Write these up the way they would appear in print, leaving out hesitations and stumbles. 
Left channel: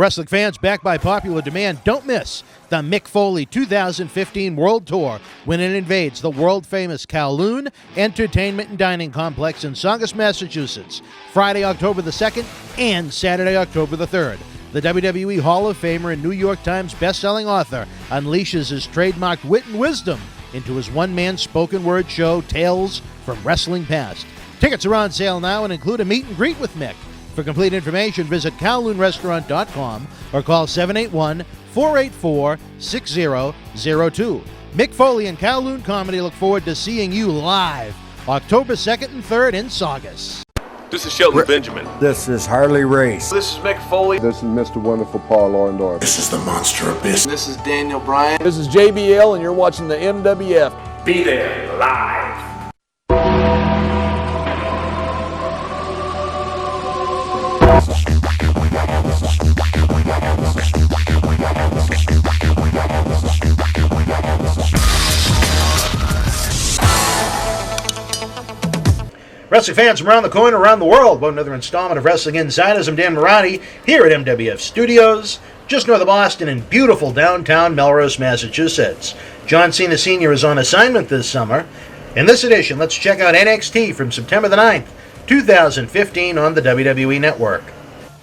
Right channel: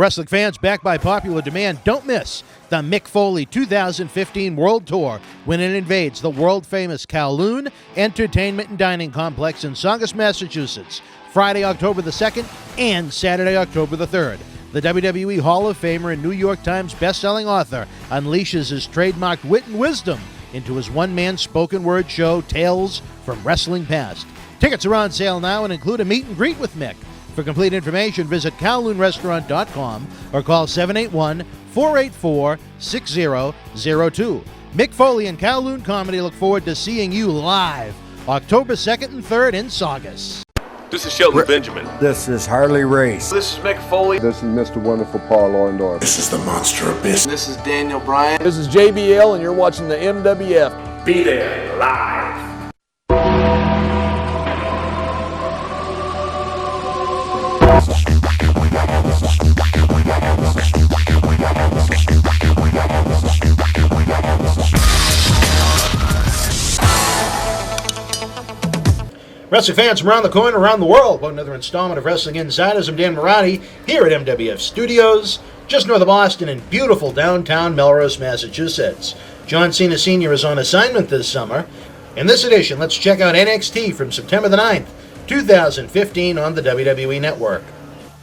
Wrestling fans, back by popular demand, don't miss the Mick Foley 2015 World Tour when it invades the world-famous Kowloon Entertainment and Dining Complex in Saugus, Massachusetts, Friday, October the 2nd and Saturday, October the 3rd. The WWE Hall of Famer and New York Times best-selling author unleashes his trademarked wit and wisdom into his one-man spoken word show, Tales from Wrestling Past. Tickets are on sale now and include a meet and greet with Mick. For complete information, visit KowloonRestaurant.com or call 781-484-6002. Mick Foley and Kowloon Comedy look forward to seeing you live October 2nd and 3rd in Saugus. This is Shelton Benjamin. This is Harley Race. This is Mick Foley. This is Mr. Wonderful Paul Orndorff. This is the Monster Abyss. This is Daniel Bryan. This is JBL, and you're watching the MWF. Be there live. Wrestling fans from around the corner, around the world, welcome to another installment of Wrestling Insiders. I'm Dan Marani here at MWF Studios, just north of Boston in beautiful downtown Melrose, Massachusetts. John Cena Sr. is on assignment this summer. In this edition, let's check out NXT from September the 9th, 2015 on the WWE Network.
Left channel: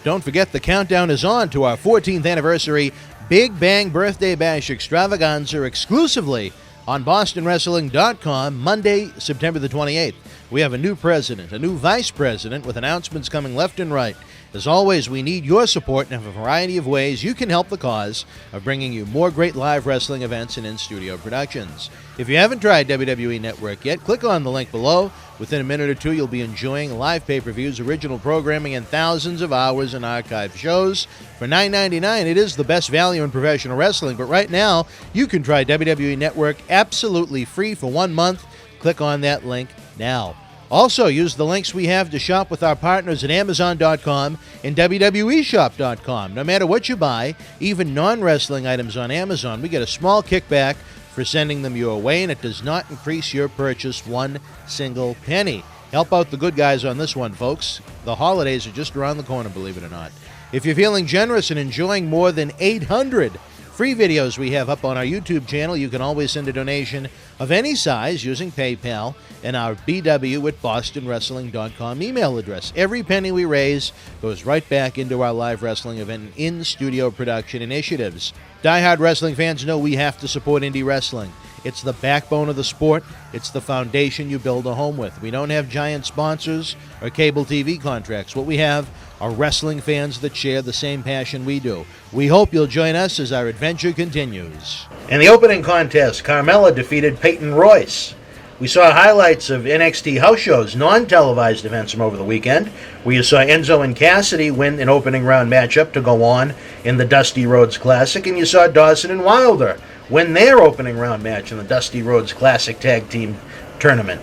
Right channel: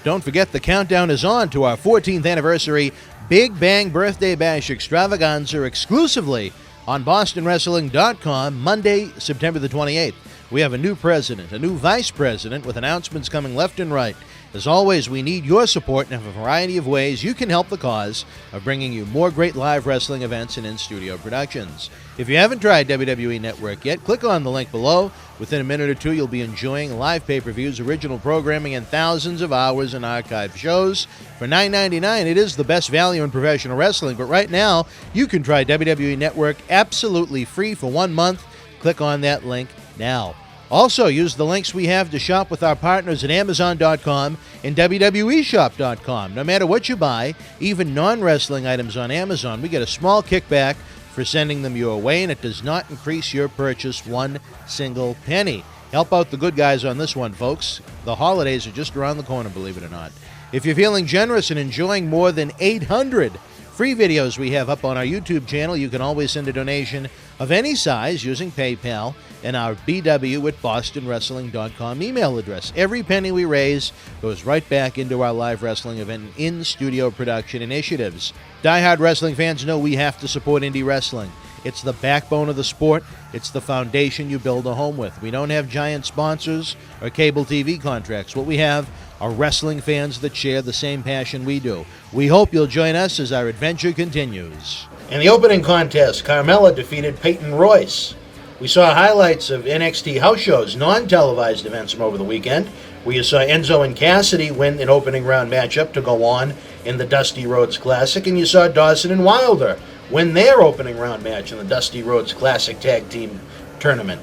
Don't forget the countdown is on to our 14th anniversary Big Bang Birthday Bash Extravaganza exclusively on BostonWrestling.com Monday, September the 28th. We have a new president, a new vice president with announcements coming left and right. As always, we need your support in a variety of ways you can help the cause of bringing you more great live wrestling events and in-studio productions. If you haven't tried WWE Network yet, click on the link below. Within a minute or two, you'll be enjoying live pay-per-views, original programming, and thousands of hours in archive shows. For $9.99, it is the best value in professional wrestling, but right now, you can try WWE Network absolutely free for 1 month. Click on that link now. Also, use the links we have to shop with our partners at Amazon.com and WWE Shop.com. No matter what you buy, even non-wrestling items on Amazon, we get a small kickback for sending them your way, and it does not increase your purchase one single penny. Help out the good guys on this one, folks. The holidays are just around the corner, believe it or not. If you're feeling generous and enjoying more than 800 free videos we have up on our YouTube channel, you can always send a donation of any size using PayPal and our bw@bostonwrestling.com email address. Every penny we raise goes right back into our live wrestling event and in-studio production initiatives. Die-hard wrestling fans know we have to support indie wrestling. It's the backbone of the sport. It's the foundation you build a home with. We don't have giant sponsors or cable TV contracts. What we have are wrestling fans that share the same passion we do. We hope you'll join us as our adventure continues. In the opening contest, Carmella defeated Peyton Royce. We saw highlights of NXT house shows, non-televised events from over the weekend, where you saw Enzo and Cassidy win an opening round matchup to go on in the Dusty Rhodes Classic, and you saw Dawson and Wilder win their opening round match in the Dusty Rhodes Classic Tag Team Tournament.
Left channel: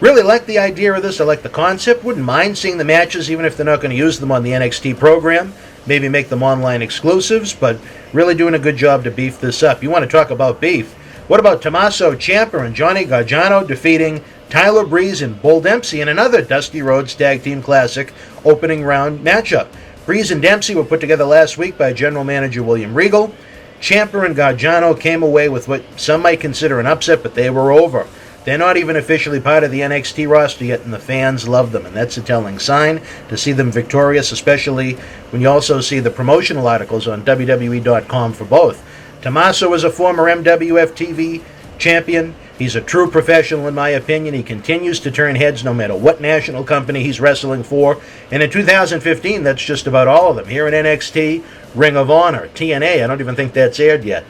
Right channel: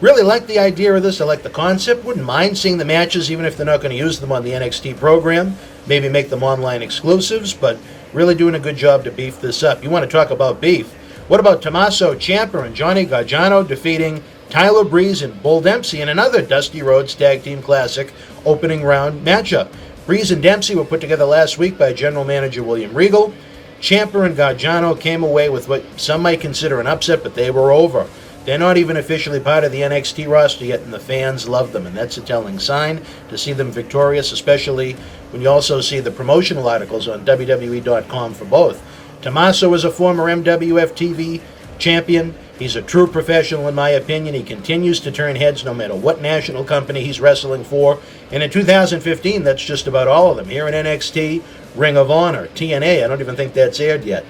Really like the idea of this. I like the concept. Wouldn't mind seeing the matches, even if they're not going to use them on the NXT program. Maybe make them online exclusives, but really doing a good job to beef this up. You want to talk about beef? What about Tommaso Ciampa and Johnny Gargano defeating Tyler Breeze and Bull Dempsey in another Dusty Rhodes Tag Team Classic opening round matchup? Breeze and Dempsey were put together last week by General Manager William Regal. Ciampa and Gargano came away with what some might consider an upset, but they were over. They're not even officially part of the NXT roster yet, and the fans love them, and that's a telling sign to see them victorious, especially when you also see the promotional articles on WWE.com for both. Tommaso is a former MWF TV champion. He's a true professional, in my opinion. He continues to turn heads no matter what national company he's wrestling for, and in 2015, that's just about all of them. Here in NXT, Ring of Honor, TNA, I don't even think that's aired yet.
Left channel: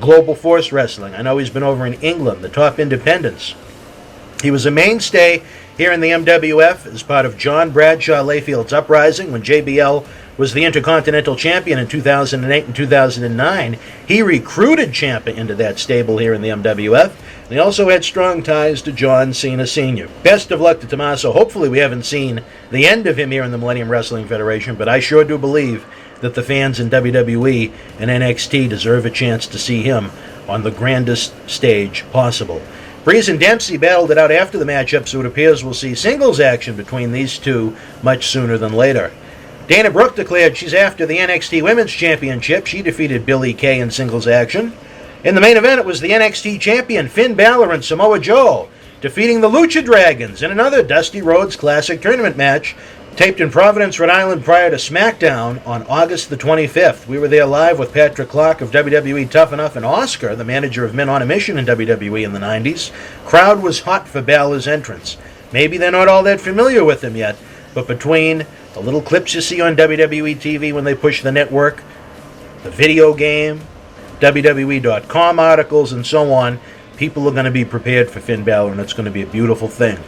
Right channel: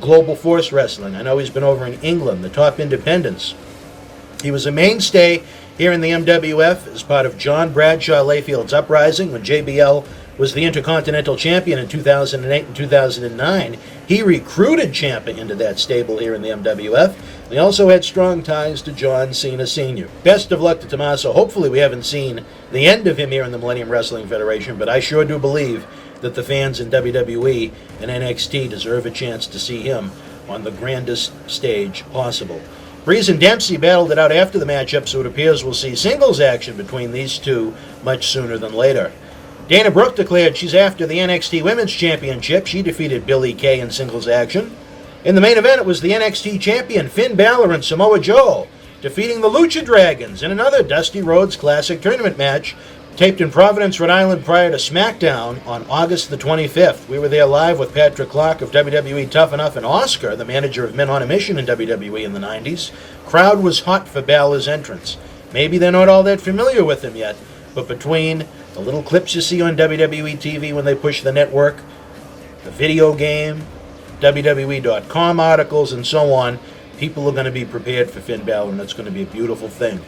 Global Force Wrestling. I know he's been over in England, the top independents. He was a mainstay here in the MWF as part of John Bradshaw Layfield's Uprising when JBL was the Intercontinental Champion in 2008 and 2009. He recruited Ciampa into that stable here in the MWF. He also had strong ties to John Cena Sr. Best of luck to Tommaso. Hopefully we haven't seen the end of him here in the Millennium Wrestling Federation, but I sure do believe that the fans in WWE and NXT deserve a chance to see him on the grandest stage possible. Breeze and Dempsey battled it out after the matchup, so it appears we'll see singles action between these two much sooner than later. Dana Brooke declared she's after the NXT Women's Championship. She defeated Billie Kay in singles action. In the main event, it was the NXT Champion Finn Balor and Samoa Joe defeating the Lucha Dragons in another Dusty Rhodes Classic tournament match taped in Providence, Rhode Island prior to SmackDown on August the 25th. We were there live with Patrick Clark of WWE Tough Enough and Oscar, the manager of Men on a Mission in WWE in the 90s. Crowd was hot for Balor's entrance. Maybe they're not all that familiar with him yet, but between the little clips you see on WWE TV when they push the network, the video game, WWE.com articles, and so on, people are going to be prepared for Finn Balor, and it's going to be a beautiful thing.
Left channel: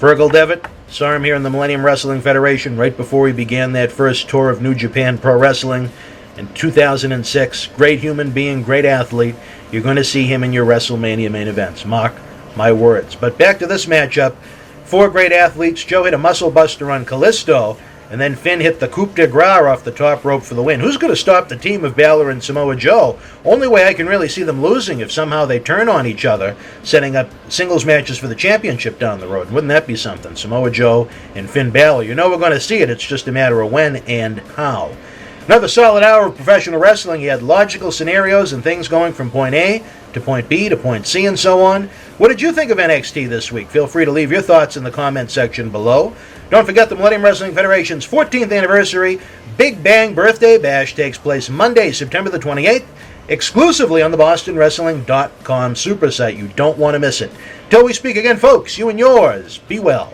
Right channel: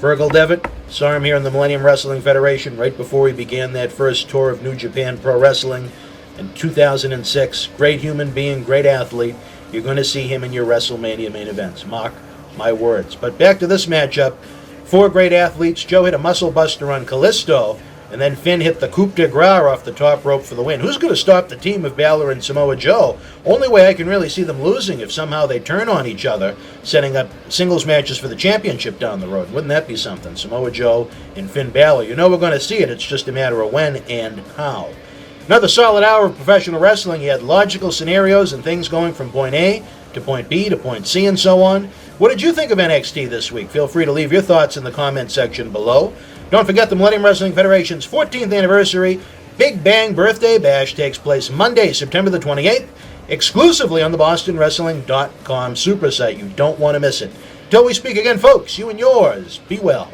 Fergal Devitt, saw him here in the Millennium Wrestling Federation right before he began that first tour of New Japan Pro Wrestling in 2006. Great human being, great athlete. You're going to see him in your WrestleMania main events. Mark my words. But back to this matchup. 4 great athletes. Joe hit a muscle buster on Kalisto, and then Finn hit the coup de grace off the top rope for the win. Who's going to stop the team of Balor and Samoa Joe? Only way I can really see them losing if somehow they turn on each other, setting up singles matches for the championship down the road. Wouldn't that be something? Samoa Joe and Finn Balor. You know we're going to see it. It's just a matter of when and how. Another solid hour of professional wrestling. You had logical scenarios and things going from point A to point B to point C and so on. What did you think of NXT this week? Feel free to leave your thoughts in the comment section below. Don't forget the Millennium Wrestling Federation's 14th anniversary Big Bang Birthday Bash takes place Monday, September the 28th, exclusively on the BostonWrestling.com super site. You don't want to miss it. Till we speak again, folks, you and yours, be well.